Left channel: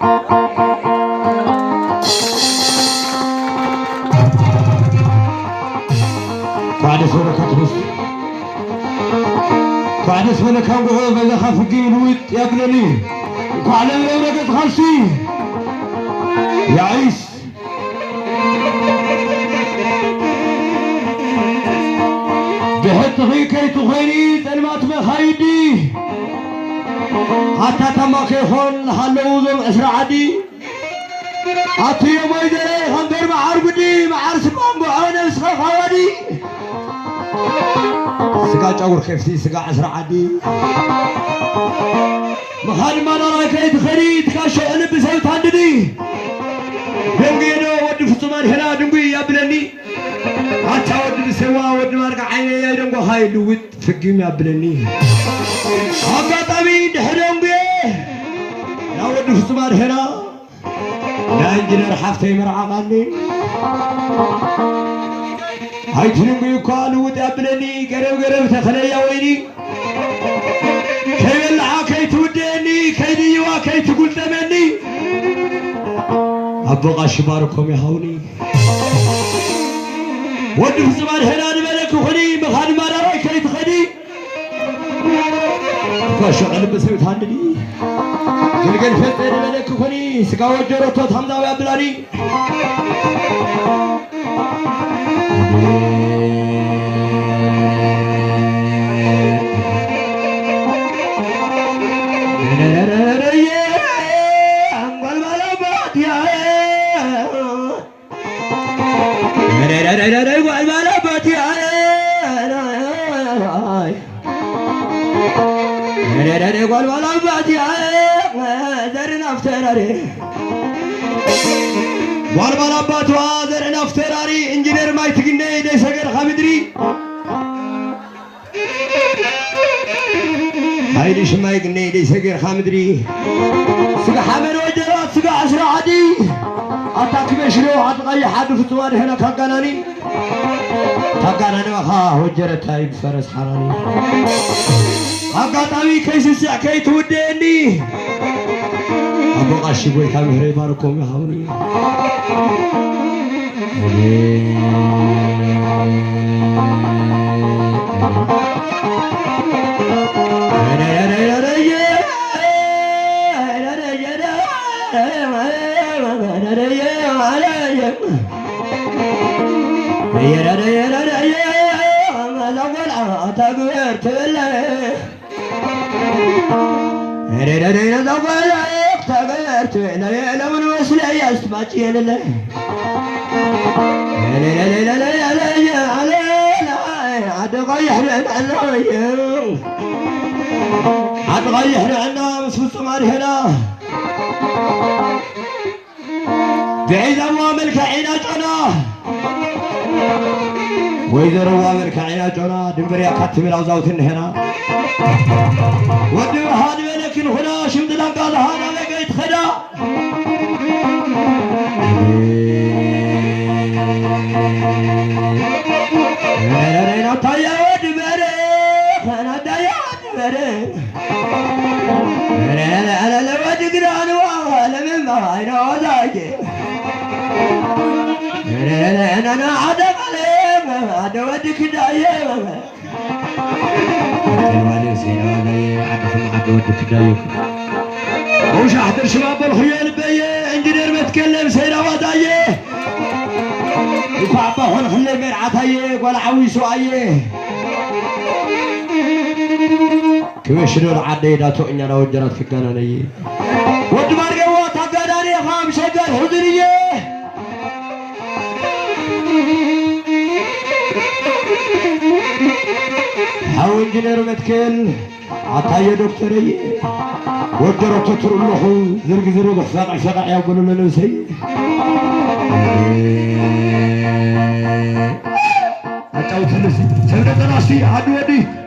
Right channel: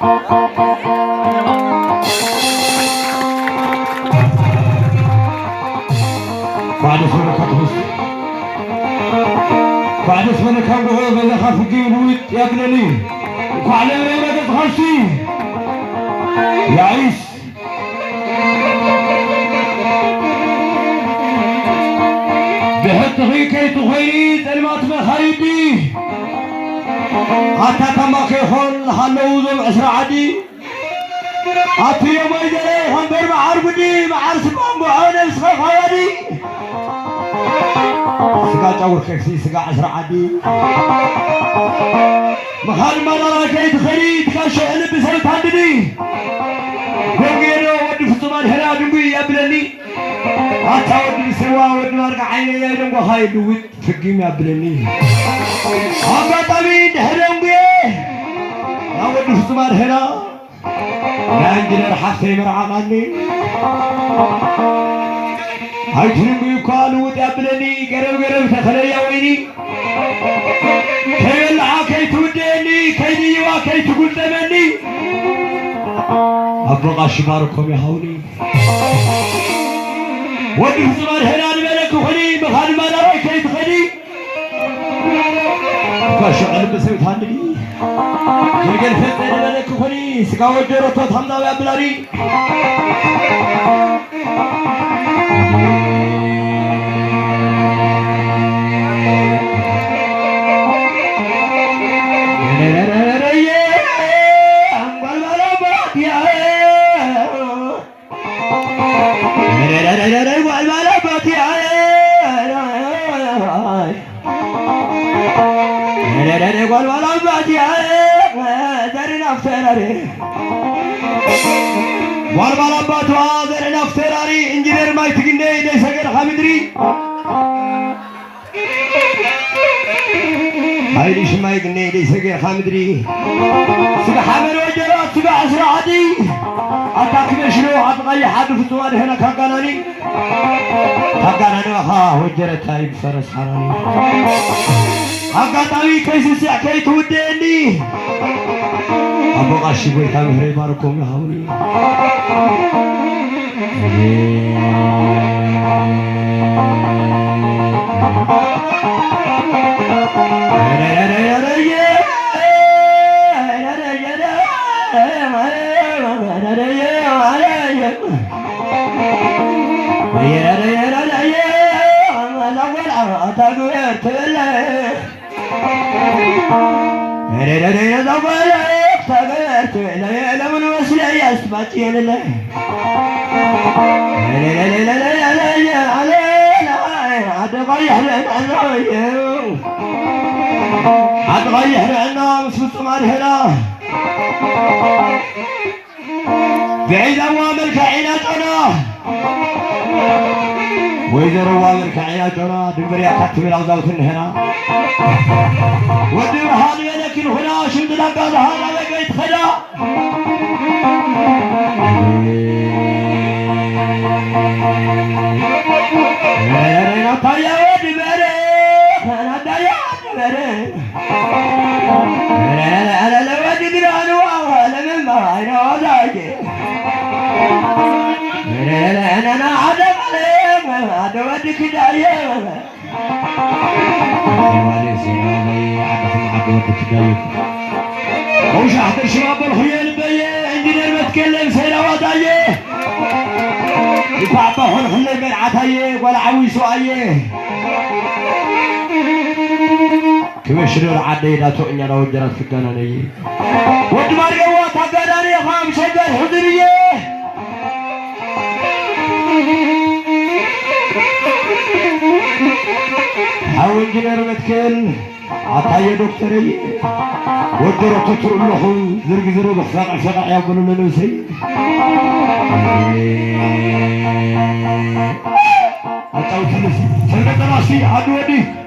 بعد سنة كتبس بعد سنة كان بقول بلا خافقين ويت يا ابنني وعلى ما تخشي يعيش بحط غي كي تغيري تلمات بخيدي حتى كما كيخون حلوزم عشر عدي أتي يوم يدري هندر معربدي معرس بامبعون بسخ خوادي سقا جاور كيفسي سقا عشر عدي مخال ما نرى كي تخريد كاشي أنا بسوي تهددي دنبينو ودي فطمان هنا دنبي يا بلني حتى ودي بسوا ودي مارك عيني يا دنبو هاي دوت فقيم يا بلني أبا طبيب هرم بيه يا ودي فطمان هنا لا انجلر حفتي مرعاني هاي تنبي يقالوا ودابلني قرب تخلي يا ويني كي يلعا كي توديني كي ديوا كي تقول تمني أبغى شباركم يا هوني ودي فطمان هنا نبلك وخلي مخال ما نرى كي تخلي كاشو قلب بسويت هاندي يلقى فتر ملك خني سكاو جرتو ثمدا يا بلاري والبلا باتوا درنا فتراري انجينير مايك تجني دي سجل خامدري هاي ليش ما يجني دي سجل خامدري سجى حامل وجرات سجى عشر عادي أتاك مشلو عطغي حد فتوان هنا كاغاناني ها وجرت هاي بفرس حراني أقاطعي كيس ساكي توديني أبو غاشي بوي كاميرا باركم يا هوني هتغير عنا مش مستمر هنا بعيد أوامر كعيناتنا وإذا روامر كعيناتنا دمبر يا كتب الأوزاوتن هنا ودي هذا لكن هنا شمد لقى هذا لقيت خدا أنا طيا ودي بري أنا طيا ودي بري أنا لو ودي دراني وأنا من بعينه ذاك أنا عدم عليه هذا ودي كداية وش أحضر شباب الخيال بيه انجينير متكلم سينا ودايه يفعبه الخلي مرعتايه ولا عويسو ايه كمشنو العدي لا تؤني لو جرت في القنانية ودمار قوات القنانية خام شجر حضرية حاول انجينير متكل عطايا دكتورية ودرت تطرق له زرق فقع يقولوا له سي أتاو تلف سلمة راسي عدو ودي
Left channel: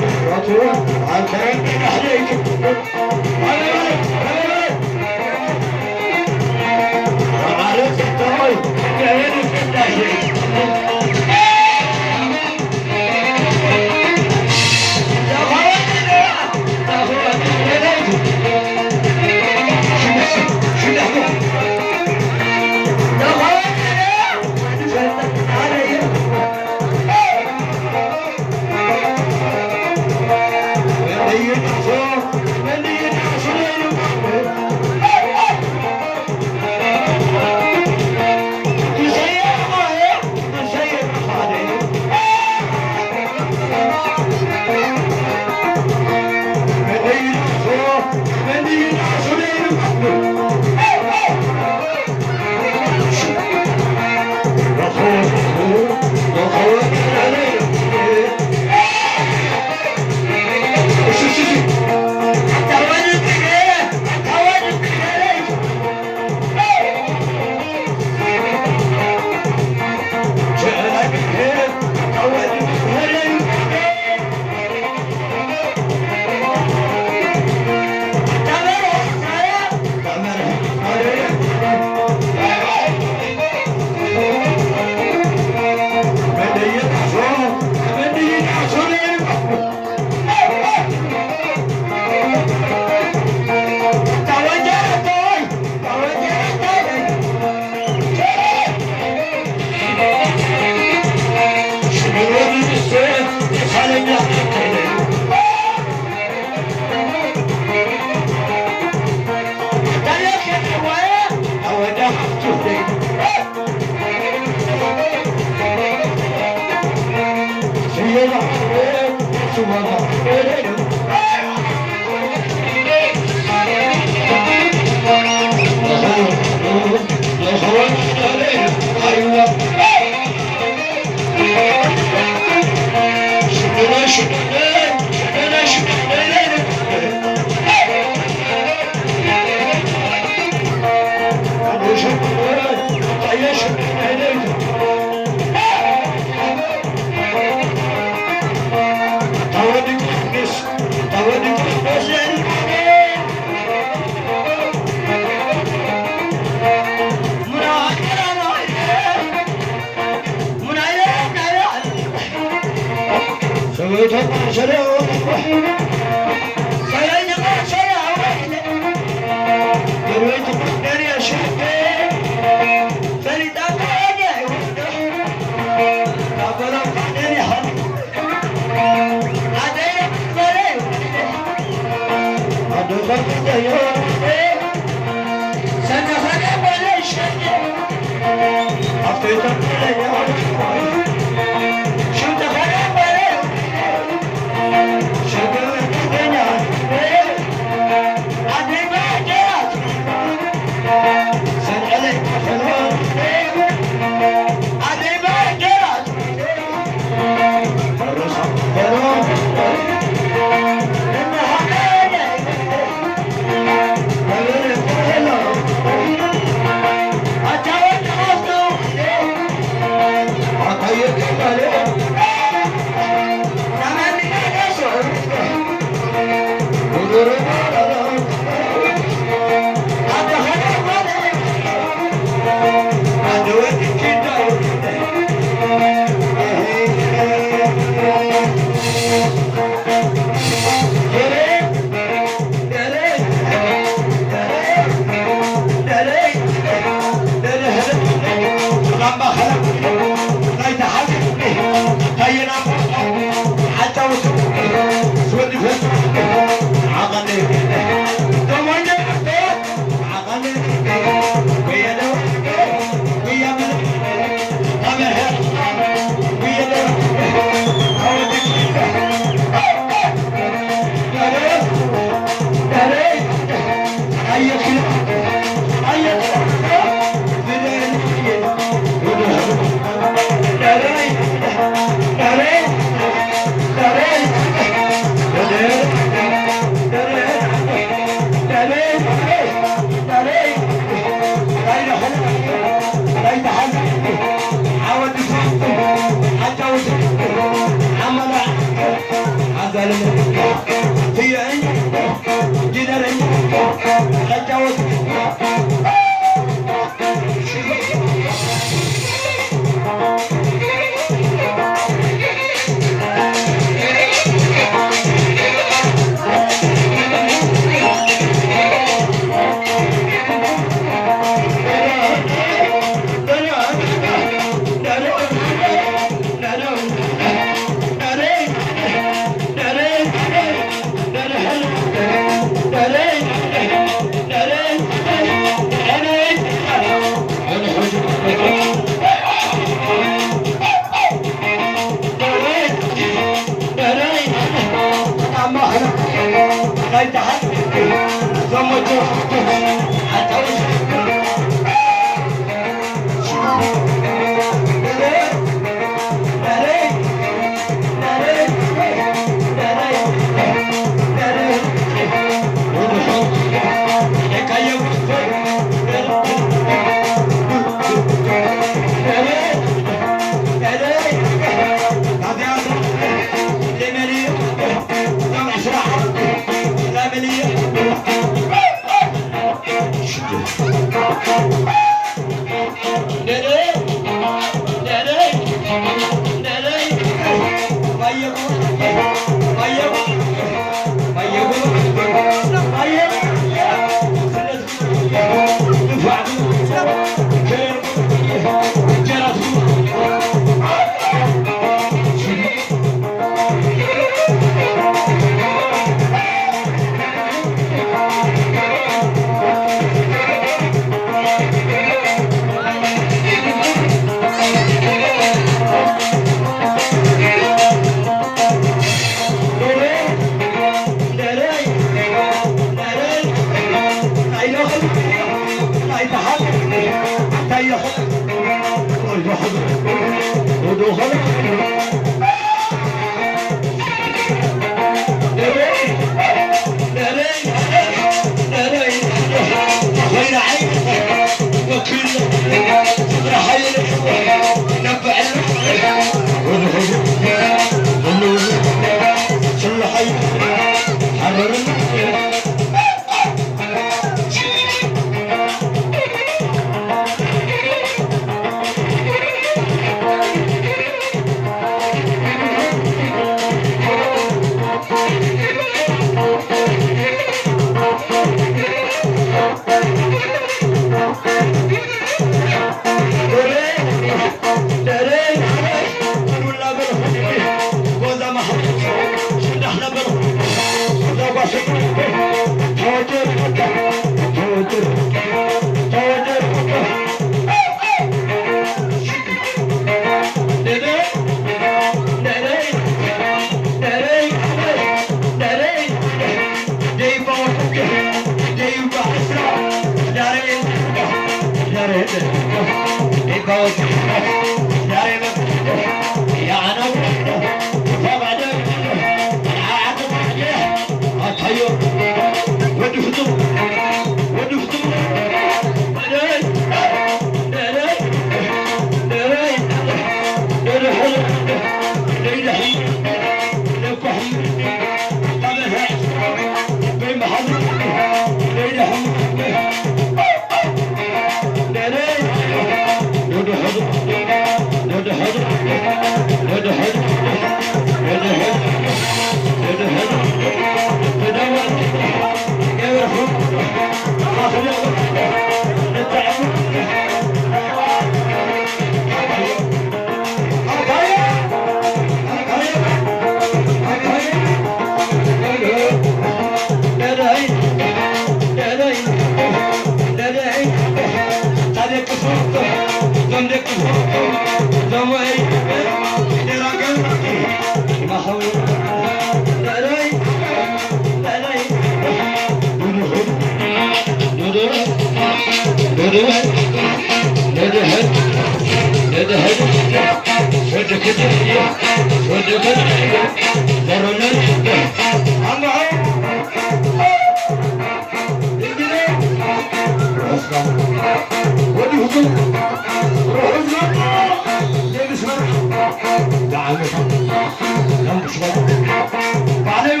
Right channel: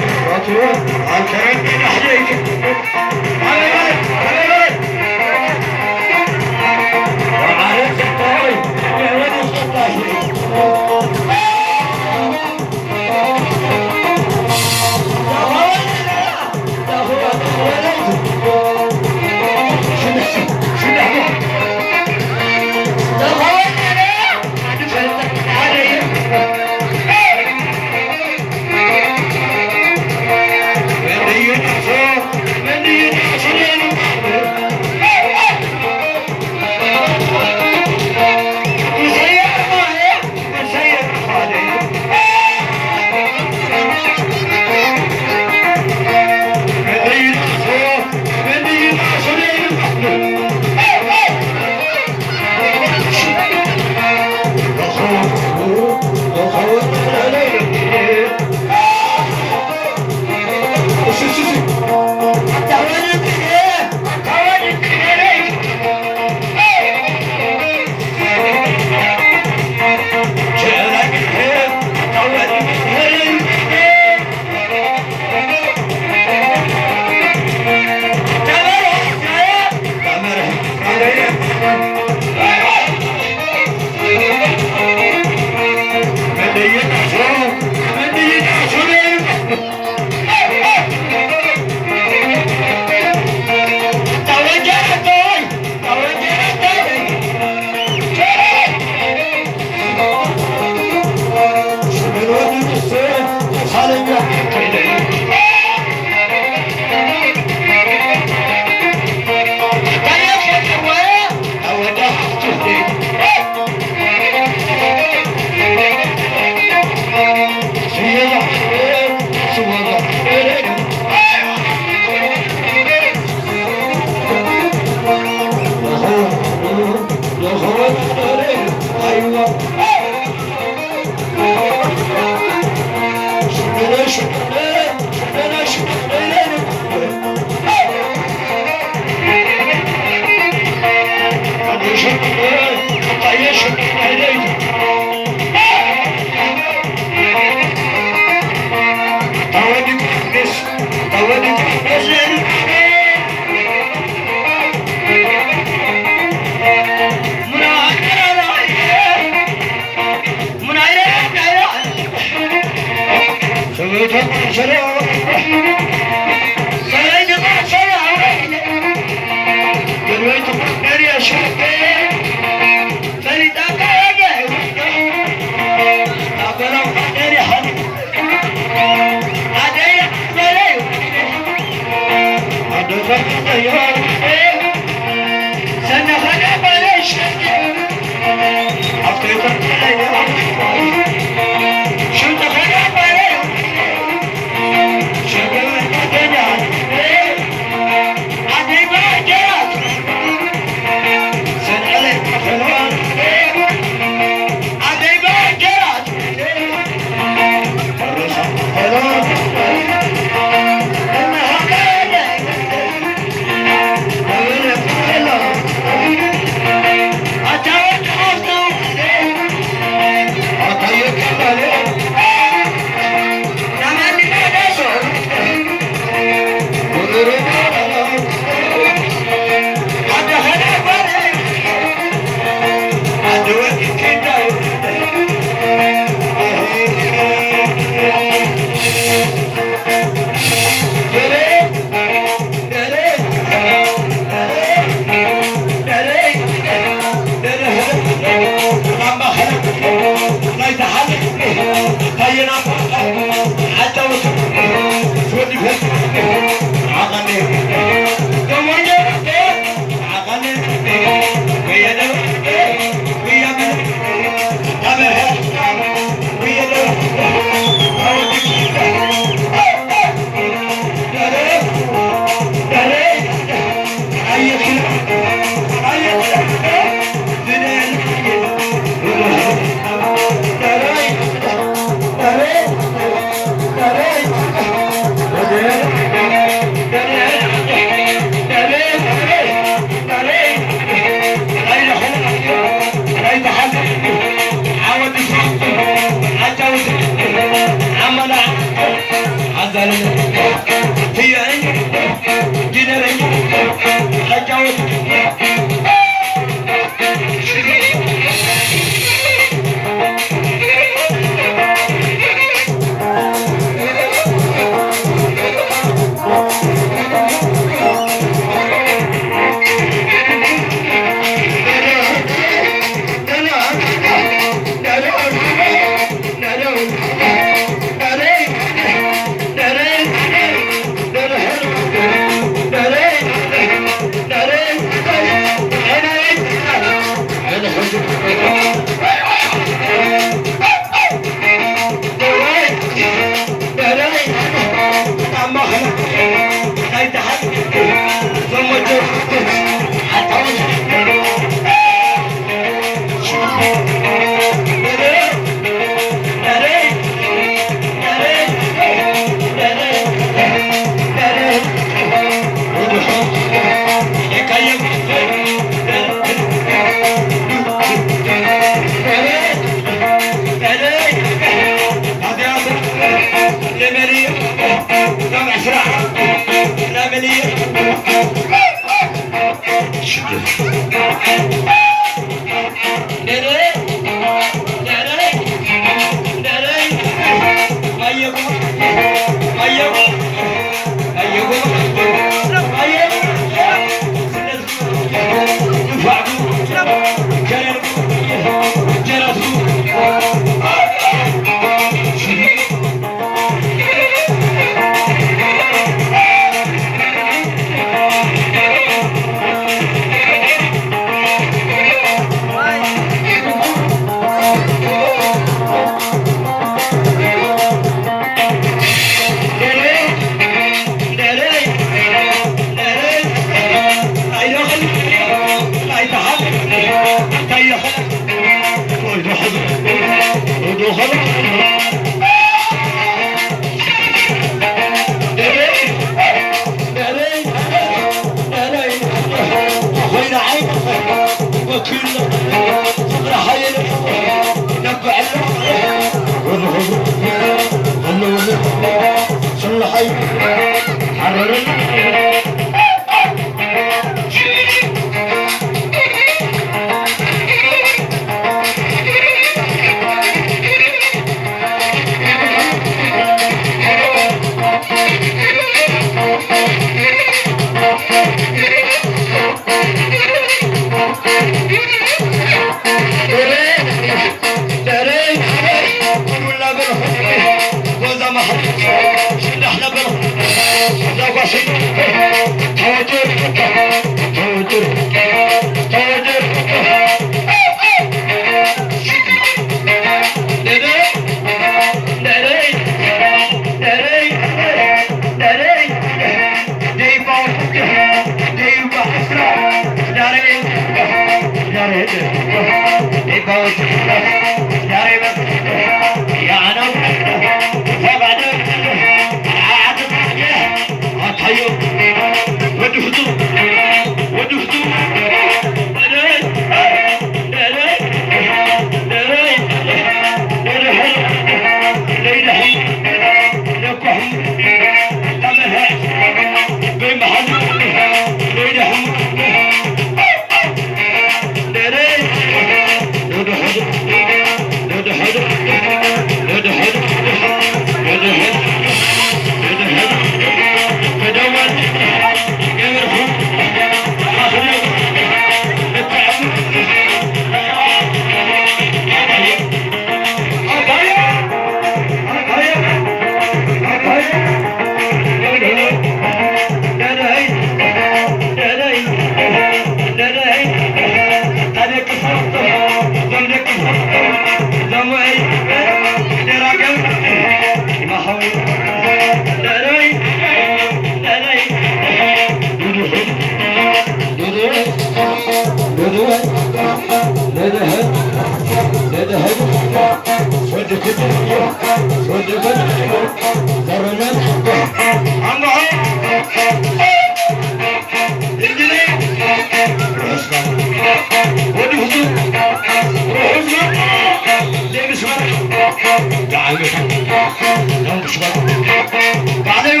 بعدين